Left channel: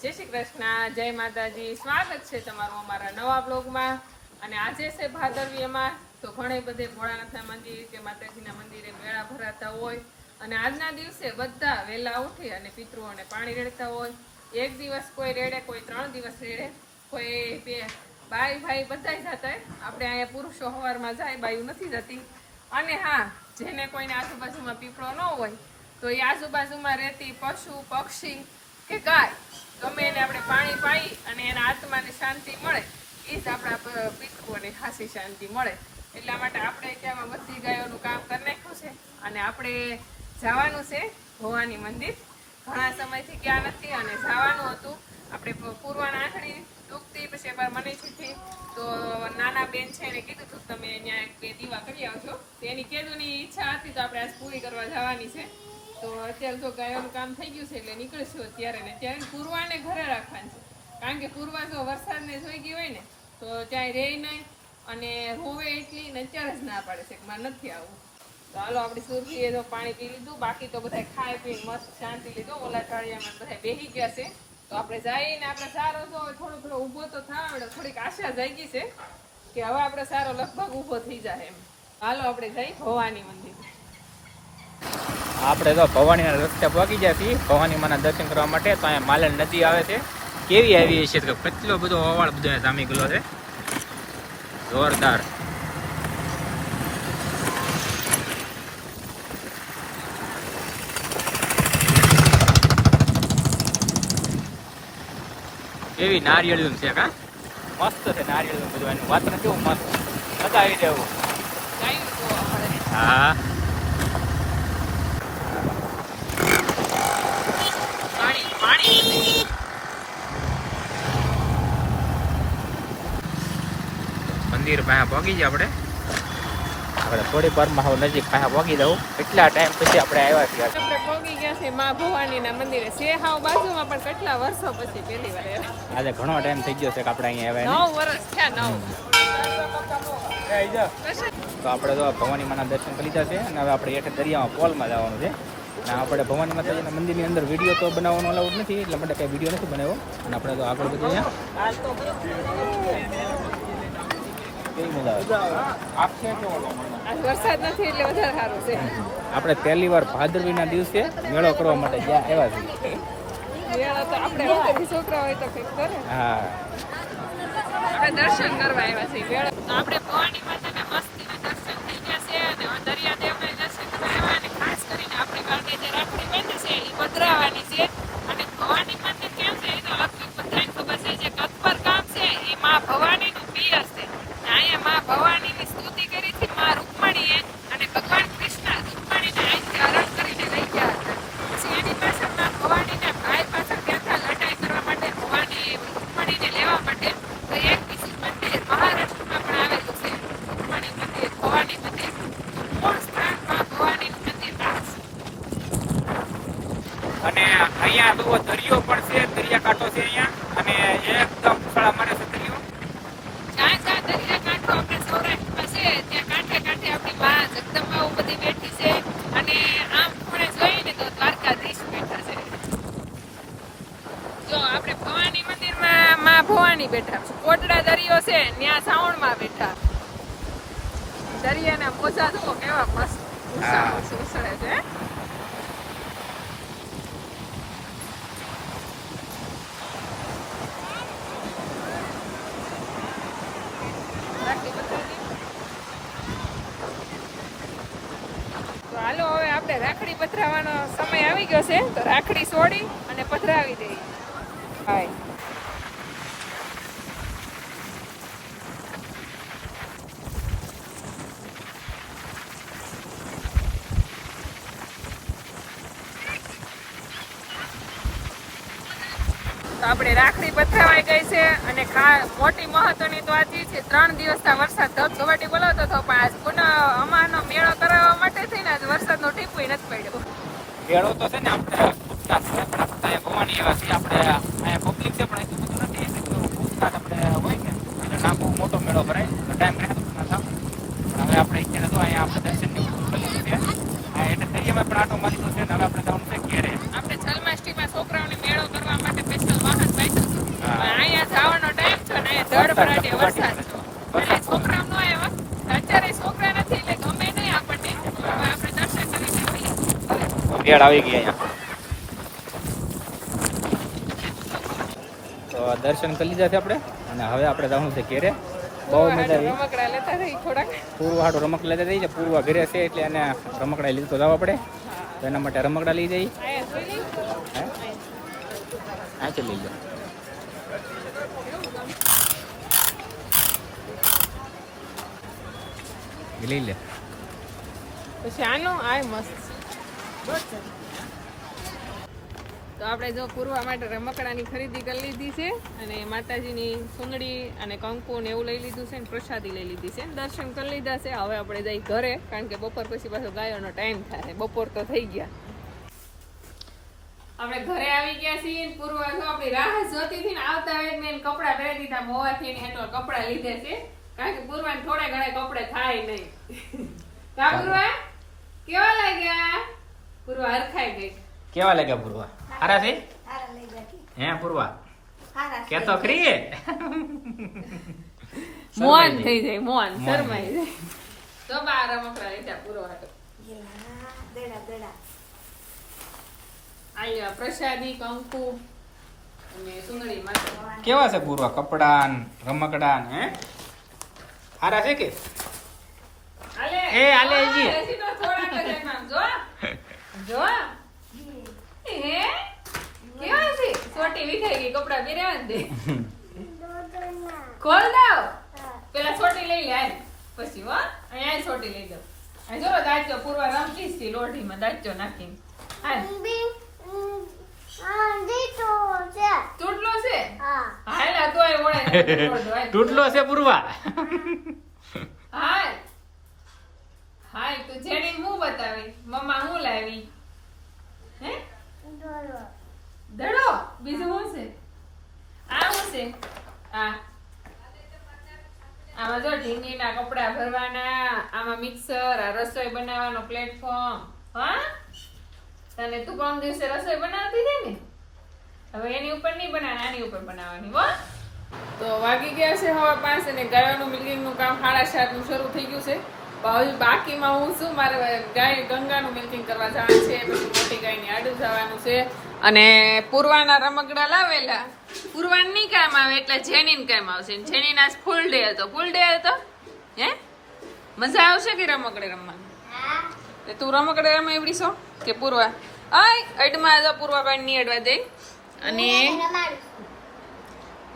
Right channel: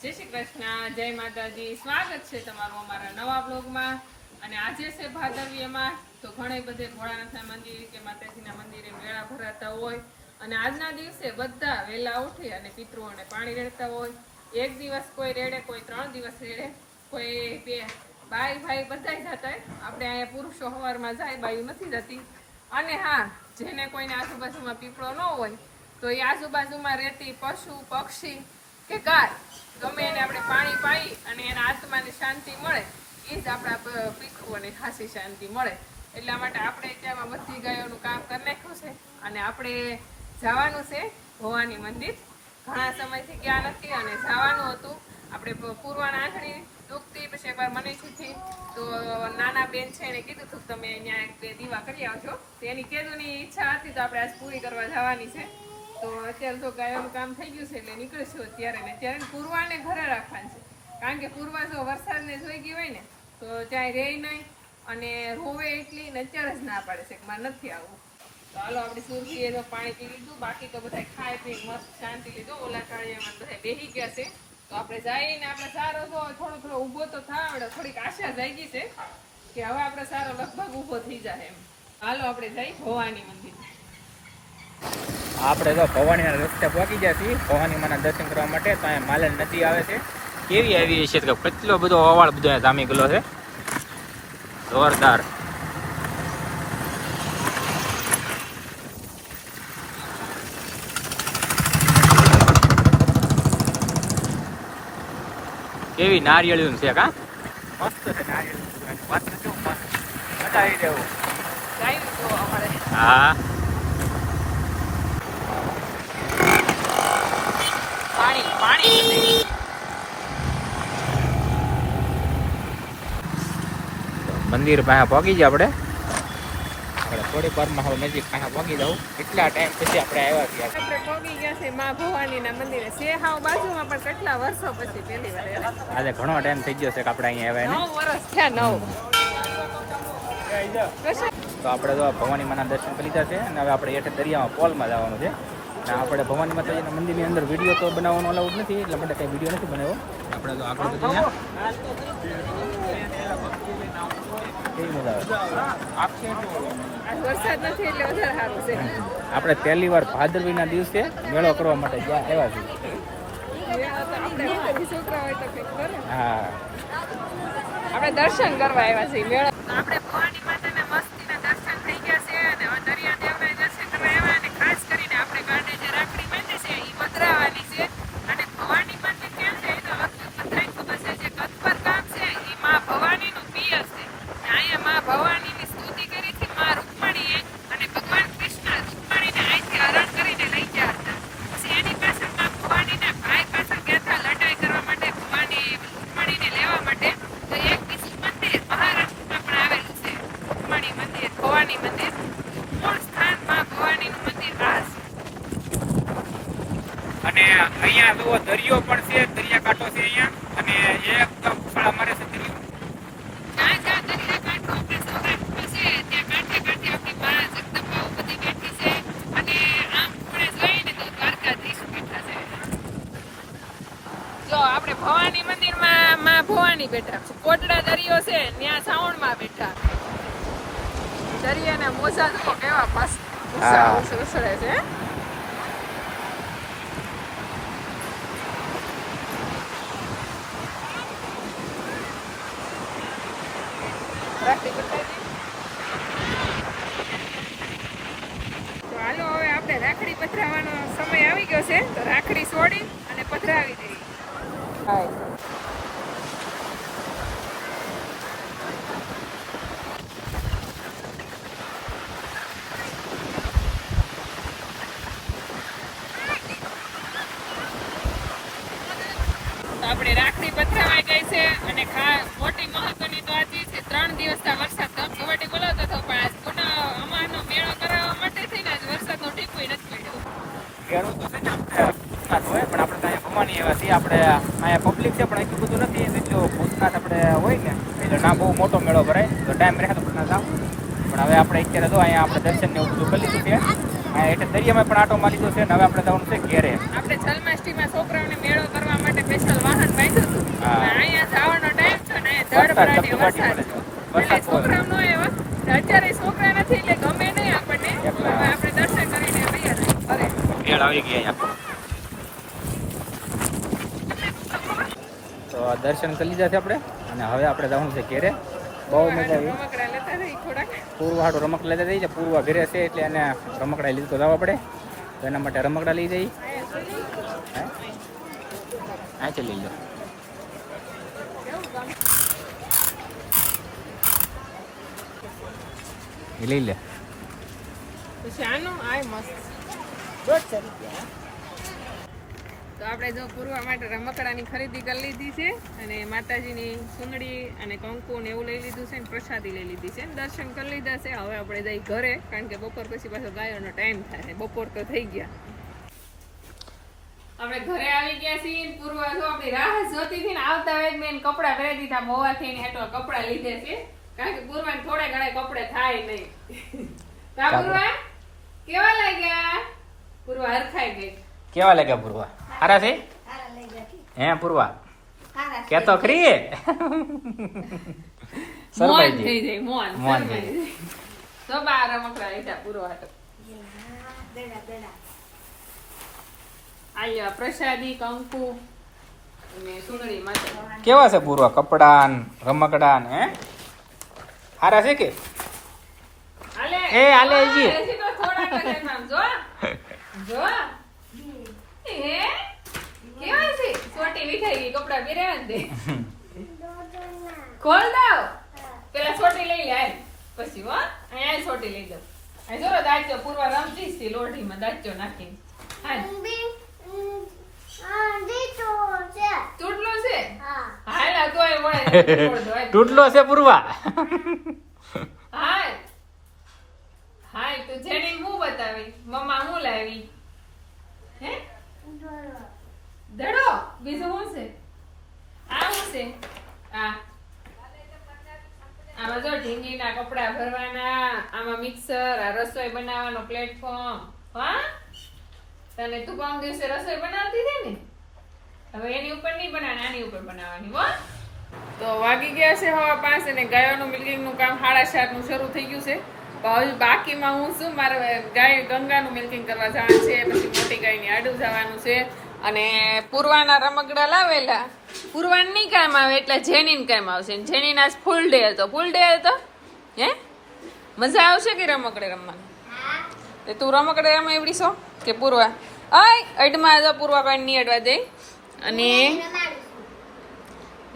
જય શ્રી કૃષ્ણ, જય માતાજી. સ્વાગત છે તમારું અમારા નવા બ્લોગમાં. અને આજે છે ભાદરવીમાં તો ઘણે બધે ભોળાનાથના મંદિર કે માતાજીના મંદિરે મેળા ભરાતા હોય. અને આજના દિવસે બધા વહેલા ઉઠી અને પિતૃઓને પાણી રેડતા હોય. એક દિવસ કોઈ રેડે, કોઈ ત્રણ દિવસ રેડે. કોઈ બાઈ, ભાઈ બધા જતા આપણે અહીંયા પુરુષો સવારમાં જાય, બાયું નથી જતી. અને હા, જેને કોઈને આજુબાજુમાં પીપળો ન હોય, તો એ આજુબાજુમાં રહેતી પશુ, પક્ષી કે ગાય, ગમે એને આપણે પાણી પાઈ અને એના આત્માને શાંતિ મળે એ જ આપણા પ- ખાસી શાંતિ મળે. એટલા માટે આપણે ત્યાં બધી ગાયોનું કામ કરી નાખ્યું છે અને આપણે જવાનું છે ભવાની મંદિર. ઘણા સમયથી ગયા નથી અને જવાનું હતું. આપણે પૂર્વાના ડૂબતી દુખતી પછી એકવાર મને થી તો નાના બેન છે એને કીધું હતું તમે એક બે દીવા કરી આવજો. તો એની કેદુની ઈચ્છા હતી તો આપણે આજ પૂરી કરવા જવાની છે. તો અત્યારે તો ગાયોનું કામ થઈ ગયું છે એટલે નીકળશું અત્યારે ને ત્યારે પૂર્વાને ઘરે રાખવાની છે. કારણ કે પૂર્વા જો વરસાદને જોઈ ગઈ હોય ને, તો ત્યાં રહે નહીં અને રોવે એટલી ને અત્યારે જ ના પાડે છે કે મારે નથી આવવું. તો હાલો આપણે સુરભીએ તો પાણી પી લીધું, બાકી તો બધા ખાઈ પી મસ્ત શાંતિ લીધું. ઓલા કાળિયામાં બધા બેસી ગયા છે. તો આપણે જઈને આપણે સારો તો થોડો થોડો ઊભો તો થાય આપણે થોડીક આશા જાગી છે કે હવે આપણે સારો લગભગ ઊભો થઈ જાય એમ. હાલો આપણે જઈ ભવાની મંદિર. આપણે તો ભવાનીના રસ્તે પહોંચી છીએ. ભવાની માના દર્શન કરવા માટે તો અહીંયા માલણ નદી આવે છે. કેવી આવી છે કે કેટલો બધો અવાળ બધો જામી ગયેલો છે. જોરદાર. કેવી નારિયેળીનું છે કા? મસ્ત છે નારિયેળીનું બધું એનું. વાત નથી મસ્ત. મજા આવી જવું હા પાણી પાણી મંદિર પાસે પહોંચી જાય આપણે. આપણે થોડીક વારમાં હવે નજીક પાસે પહોંચી દઉં કેટલા ટાઈમ પછી આપણે આવ્યા છીએ? આપણે પહોંચી ગયા છે મા ભવાનીના મંદિરે. છે હાવ બાજુમાં પણ કેટલા વર્ષો પછી પહેલી વાર આજે ઘણો ટાઈમ થઈ ગયો છે કે આપણે અહીંયા આવ્યા નવ વર્ષ થયા નવ. તો આપણે તો ભવાની માના દર્શન કરી લીધા છે અને હવે આપણે હેઠે દરિયામાં પોલમાં જવાનું છે. અને આપણે ભવાની માતાજીના મંદિરની અંદર વીડિયો તો બનાવવાનો અલાઉડ નથી એટલે માટે કંઈ વીડિયો નથી બનાવ્યો. અને આપણે તો આગળ બધું અહીંયા મજા આવે? આજ વરસાદ નથી એટલે વધારે સારું છે. આપણે પહેલી વાર ભાદરવીના દિવસે મેળો કરવા માટે ગયા આવ્યા છીએ. હા. આપણે દર્શન કરવા આવ્યા છીએ આપણે ભવાની માતાના મસ્તીના દર્શન થઈ ગયા છે અને હવે દરિયાદેવના દર્શન કરવા આવ્યા અને ખાસ કરીને આપણે ગાંડે જે રાખડી બાંધી છે એ પધરાવવાની છે અને ભવાની મંદિર ક્યાં છે એ તો લગભગ બધાને ખબર છે જે કતપર ગામ છે એ માં ભવાનીનું પિયર છે અને અહીંયા માં ભવાનીની સ્તુતિ કરી છે માં રૂકમણીએ અને ભગવાન કૃષ્ણ રૂકમણીને અહીંથી હરણ કરીને લઈ ગયા હતા પછી એની પાછળમાં ભવાનીના ભાઈ પાછળ ગયા હતા લડાઈ કરવા માટે ભવાની રૂકમણીને લેવા માટે તો એક બીજું મંદિર મહારાષ્ટ્રમાં પણ આવેલું છે રૂકમણી મંદિર ભવાની મંદિર મૂળ સ્થાનમાં ભવાનીનું મંદિર આ છે. અને અહીંયા જુઓ દરિયો પણ છે દરિયાકાંઠો છે અહીંયા અને એકદમ ઉછાળા મારે છે દરિયો જ્યાં જ્યાં દરિયાકાંઠો આપણે સૌરાષ્ટ્રમાં છે ત્યાં કાંઠે કાંઠે આપણી માં જગદંબાઓ બધી બેઠી છે અને આમ ખૂણે જોઈએ ને તો દ્વારકાધીશ બેઠા છે જો આપણે ભવાની મંદિરમાં માં ભવાની બેઠા છે કોટડા દરિયો છે ત્યાં સાવણમાં બેઠા દરિયાને મોજા જુઓ કેવા મસ્ત. ઉછળ- ઉછળે છે તો હાલો હવે આપણે રાખડી પધરાવવાનો સમય આવી ગયો છે તો રાખડી છોડી અને પથરાવી દઈએ. તો આપણે રાખડી પથરાવાઈ ગઈ છે અને મોટી મહત્વની તો આજે છે ત્રણ દિવસના વરસાદ ધબ કબડ્ડી બોલાવતો હતો પણ આજ પુનઃ અમારનો મેળો કરાવવા માટે થઈને આજ વરસાદનો ટીપુય નથી પડ્યો. મેળો તો છે ને આપણે ભૂતકાળ હોય પણ આપણે ત્યાં ભવાની એવા છીએ. આપણે અહીંયા પબ્લિક છે પણ એટલું બધું નથી. એટલું ભૂતકાળ આપણે હોય ને એટલે ના બહુ મોટો મેળો ભરાય. તો ટાઈમ રહે તો ના જાવ પણ હવે આપણે અત્યારે તો અહીંયા આપણે દર્શન ને એવું કરી લીધું છે. એટલે દરિયામાં પણ આટો મારી લીધો છે ને હવે આપણે જવાનું છે ઘેરે. આપણે જન્માષ્ટમીમાં છોકરાઓને મેળો કરવા માટે સ્પેશિયલ વાહન. વરસાદ છોકરાઓ આવ્યા અત્યારે છોકરા નથી એટલે ગમે નહીં આપણને એકલા. પણ આપણે દર્શન કરીને વયા જઈએ. ભલે. આવી ગયા અહીંયા. તો દર્શન કરી લીધા છે આપણે અને હવે આપણે જવાનું છે ઘેરે. બહુ મજા આવી. રમકડા લેતા પૂર્વ હાટું રમકડા લેતા જઈએ પૂર્વ ઘરે છે એટલે એને રમકડા લીધું તો જવા પડે તો એના માટે રમકડા લઈ જઈ હા? ચાલી લઈ. આ છે લઈ લો. પછી આનું આય મસ્ત. તો આપણે જો પૂરવા માટે રમકડાની ખરીદી કરી લીધી છે અને માતાજીની સુંદડી અને કંકુ ને એવું લઈ લીધું છે પ્રસાદી લઈ લીધી છે દર્શન કરી લીધા છે. હવે આપણે જઈ ઘરે કારણ કે બપોર પછી પાછો ગાયોનો ટાઈમ થાય. બપોર તો થઈ ગયા. આપણે ઘરે આવી ગયા છીએ પૂરવા જો આપણી રાહ જોતી હતી ને આવતા વેગ ને કપડા પહેરી દીધા મોવાથી ને હેઠળ કપડા લીધે છે. કારણ કે પૂર્વાને થોડા ઘણા કપડે થાય નહીં. કા પૂરવા? કેવા લાગ્યા? પૂર્વા હરખાઈ ગઈ કેવા લાગ્યા પૂર્વા હારા છે હે પૂર્વા કે તો ખરી મોન થઈ જાય મોન મોન શરમાઈ જાય જો બા આ રમકડા લીધા પૂર્વા હાટુ. આલ્યો પ્રસાદી કંકુ અને સુંદરી માટે કેવા છે પૂર્વા કપડા રમકડા હે હારા છે કે એ, હાલે, જી. જો. જો હે? કેવા છે? સોટી વિખાઈ ગઈ કપડા પહેર્યા ને ખોલ દો પેલા સોટી લઈ લે પછી હો અહીંયા સોટી લઈ જાવ આ જો દાચ્યો પૂર્વા રમતી હતી લોઢીમાં દાચ્યો નાખીને. હાલ. ચૂંટલો છે? હાલ તોય વળે. તૂટલો છે પૂર્વા હાલ. હાલ તો જેની હું બતાવી મમ્મા હું લાવી? હે? દડો. બીજું શું છે? આ શું છે? આ. આમાં જો ઢીંગીના કપડા ભરવાના આમાં મિક્સર આ રસોઈ બનાવવાનો પ્લેટફોર્મ હા? તને તું કોણ દિવસે રસોઈ બનાવતી હતી ને? હવે એની ઉપર નહીં બનાવવાની આની ઉપર બનાવવાની હો. તો વાગી ગયા છે હવે પાંચ અને ગાયોનું મિલ્કિંગનું કામ સાડા સાતનું શરૂ થઈ ગયું છે. હજુ બાકીમાં હું શું મારે ગાય ગંગાનું મિલ્કિંગ કરવા જવાનું છે પછી મોટી ગાયની આડું જવાનું છે. અને પૂર્વાના રમકડા લાવેલા. પૂર્વાન નહીં કામ આવે એટલે જેનીન કામ આવશે. જેનીન આજ ફૂલ ડે હતો. ફૂલ ડે હતો? હે? મજા આવશે કે રમકડે રમવાનું? તે તું રમકડે રમ એવડી છો કે પૂર્વા? આય અડમાં જો પૂર્વા કોઈ નહીં અડવા દે. અને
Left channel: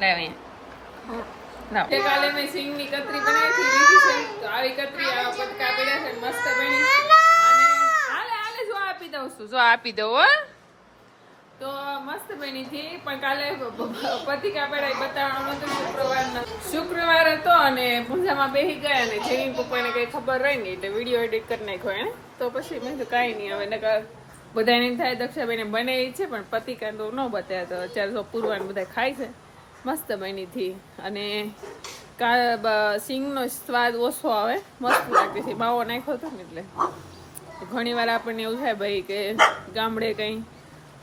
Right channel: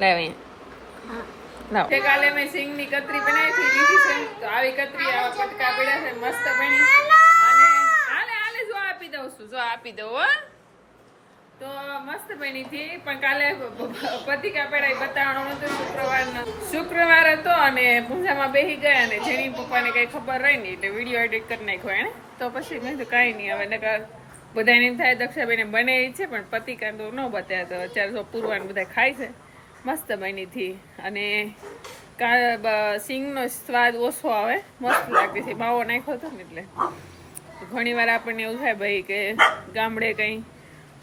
લાવે અહીંયા કાલે મેં સિંગની કતરી બનાવી હતી લીધી છે. આવી કતરી, આવા પટકા પડ્યા છે, મસ્ત બની. અને હાલે હાલે, જો આપી દઉં છું, જો આપી દઉં, હો. તો મસ્ત બની હતી, પણ કાલે પતિકા પેડા બતાવવાનો નતો, શુક્રવારનો. શુક્રવાર હતો અને પૂજામાં બેસી ગયા અને જેની પપ્પાને કઈ ખબર રહી નહીં, એટલે વીડિયો એડિટ કરી નાખ્યો એને તો પછી મેં તો કાંઈ નહીં, હવે નકર બધાને થાય દક્ષાબેને બને છે, પણ પતિકા તો ન બતાવ્યા તો અત્યારે તો પૂરવાનું બધા ખાય છે. મસ્ત બની હતી. અને સિંગનો સ્વાદ ઓછો આવે. મસ્ત લાગતી હતી. માવો નાખ્યો હતો ને એટલે. ઘણી વાર આપણને એવું થાય ભાઈ કે ગામડે કંઈ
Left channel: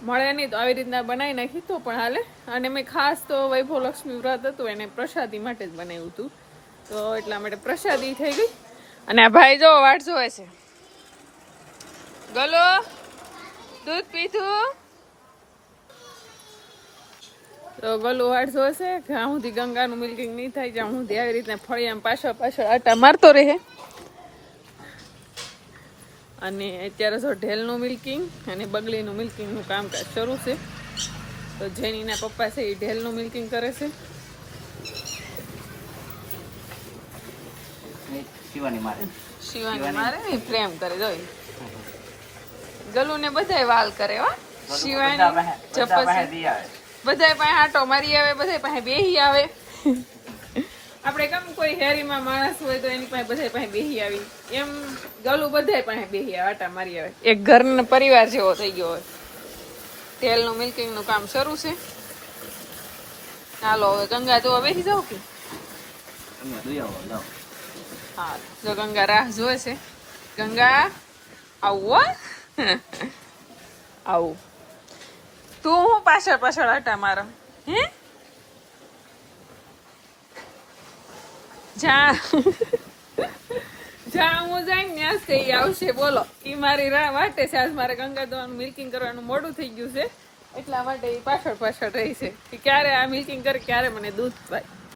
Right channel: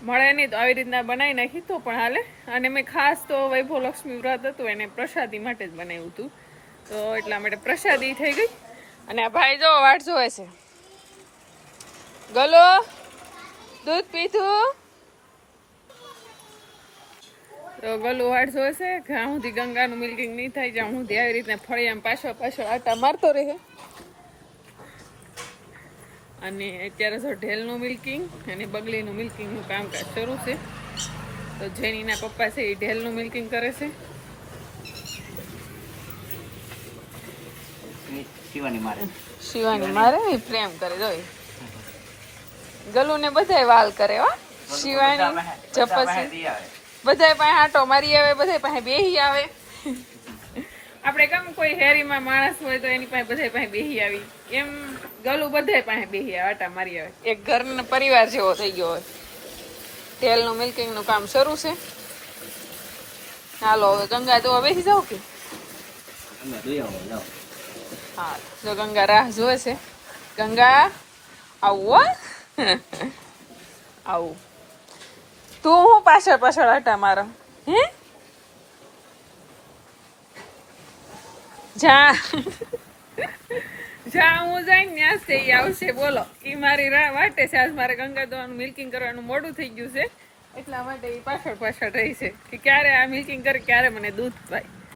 મળે નહીં તો આવી રીતના બનાવી નાખી તો પણ હાલે. અને મેં ખાસ તો વૈભવ લક્ષ્મી વ્રત હતું, એને પ્રસાદી માટે જ બનાવ્યું હતું. તો એટલા માટે પ્રસાદી થઈ ગઈ. અને આ ભાઈ જો વાટ જોવે છે. ગલો, દૂધ પીધું. તો ગલું જોશે જ્યાં સુધી ગંગાનું મિલ્કિંગ નહીં થાય જ્યાં સુધી આવી રીતના ફળિયામાં પાછળ પાછળ આટા મારતો રહે. અને અત્યારે જો ઢેલનું મિલ્કિંગ અને બગલીનું મિલ્કિંગનું કામકાજ શરૂ છે. તો જેનીના પપ્પા છે એ ઢેલનું મિલ્કિંગ કરે છે. શિવાની મારે. શિવાની મારે પ્રેમ કરે જો ગલુને બધાય વાલ કરે હો. શિવાની જપસી. બધાય પાસે આટો મારી આવે બધાય પાસે બેહી આવે. આપણે કેમ કોઈ હેરીમાં માણસ હોય તો એની પાસે બધાય પાસે બેહી આવી? એમ ગલું બધાય પાસે બેહી આવે આટા મારી આવે. એક ઘરનો પરિવાર જેવો થઈ ગયો હોય. તેલનું મિલ્કિંગનું કામ શરૂ છે. હાલો હવે ગંગા જોવા બેસી જાઓ કે? હા જો ગંગા રાહ જોવે છે. ગંગા આવું. હો આવું. તું હું પાછળ પાછળ હટા મારો. હે? જા. જા, હું જાય ને ત્યાં તે આવશે, બોલો. ઈ મારી રાહ વાટે છે. આજ મારે ગંગા દવાનું મિલ્કિંગ કરવાનું મોડું થઈ ગયું છે. એટલા માટે એ પાછળ પાછળ રહી છે. કે ક્યારે આ મિલ્કિંગ કરે, ક્યારે મને દૂધ પાય.